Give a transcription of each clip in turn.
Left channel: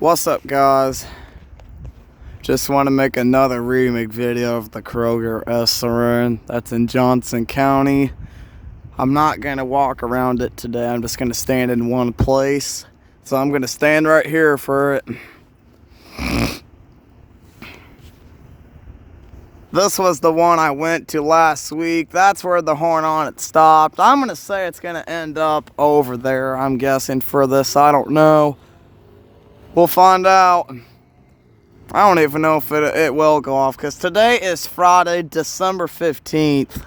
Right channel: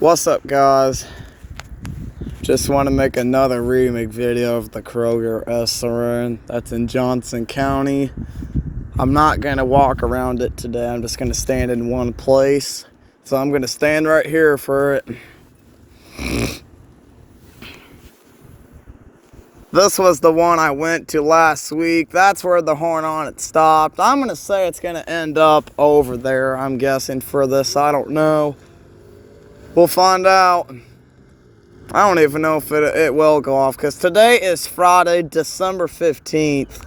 What's up, guys? Just want to make another remake video of the Kroger siren that's in Johnson County. I'm not going to walk around it today. I'm just going to stand in one place. So I'm going to stand right here for it. This was the one I went to last week. That's where the horn on it stopped. I'm going to say it's going to end up over there, I'm guessing, for this. I don't know. We'll find out. I don't even know if it will go off, because today is Friday, December 15th.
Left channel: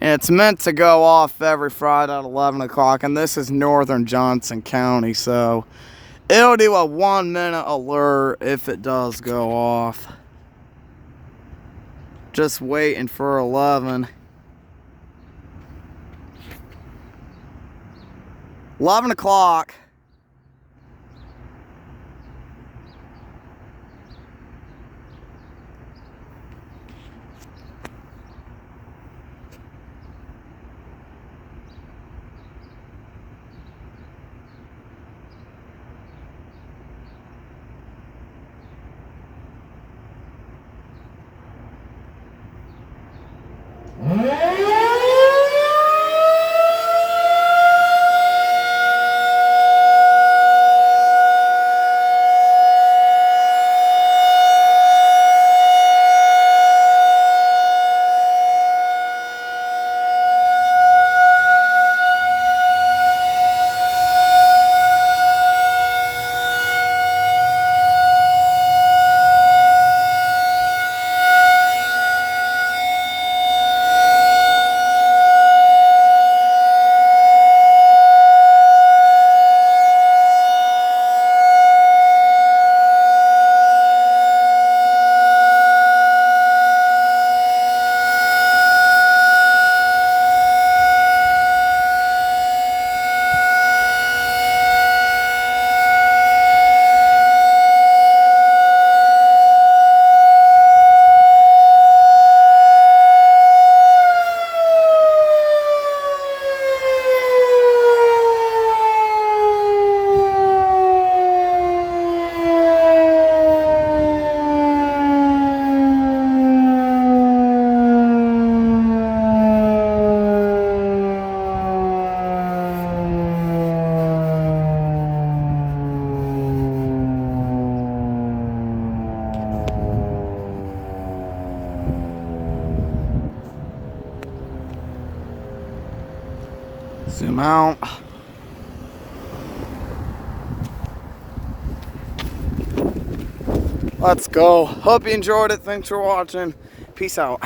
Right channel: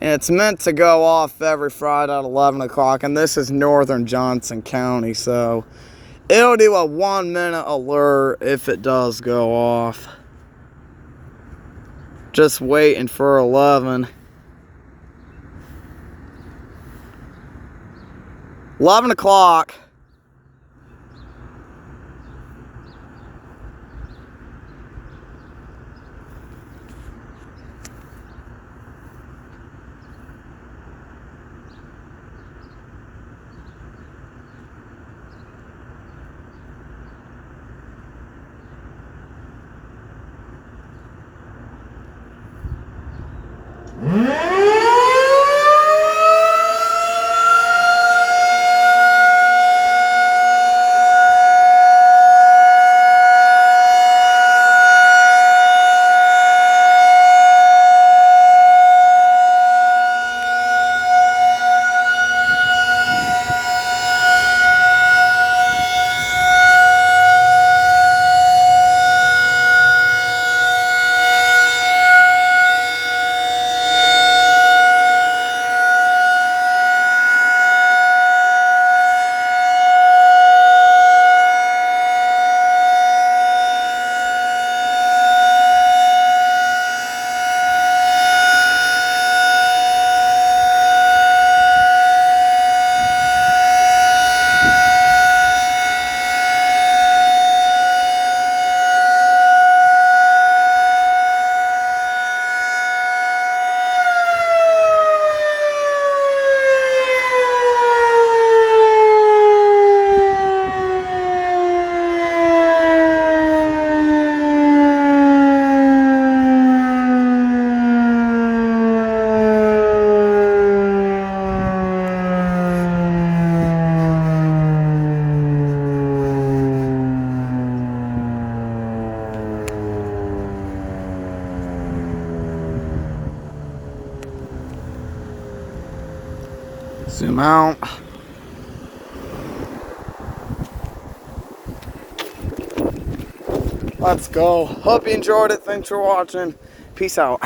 And it's meant to go off every Friday at 11 o'clock. And this is northern Johnson County. So it'll do a 1-minute alert if it does go off. Just waiting for 11. 11 o'clock. Zoom out. Let's go. Hope you enjoyed it. Thanks for watching. Peace out.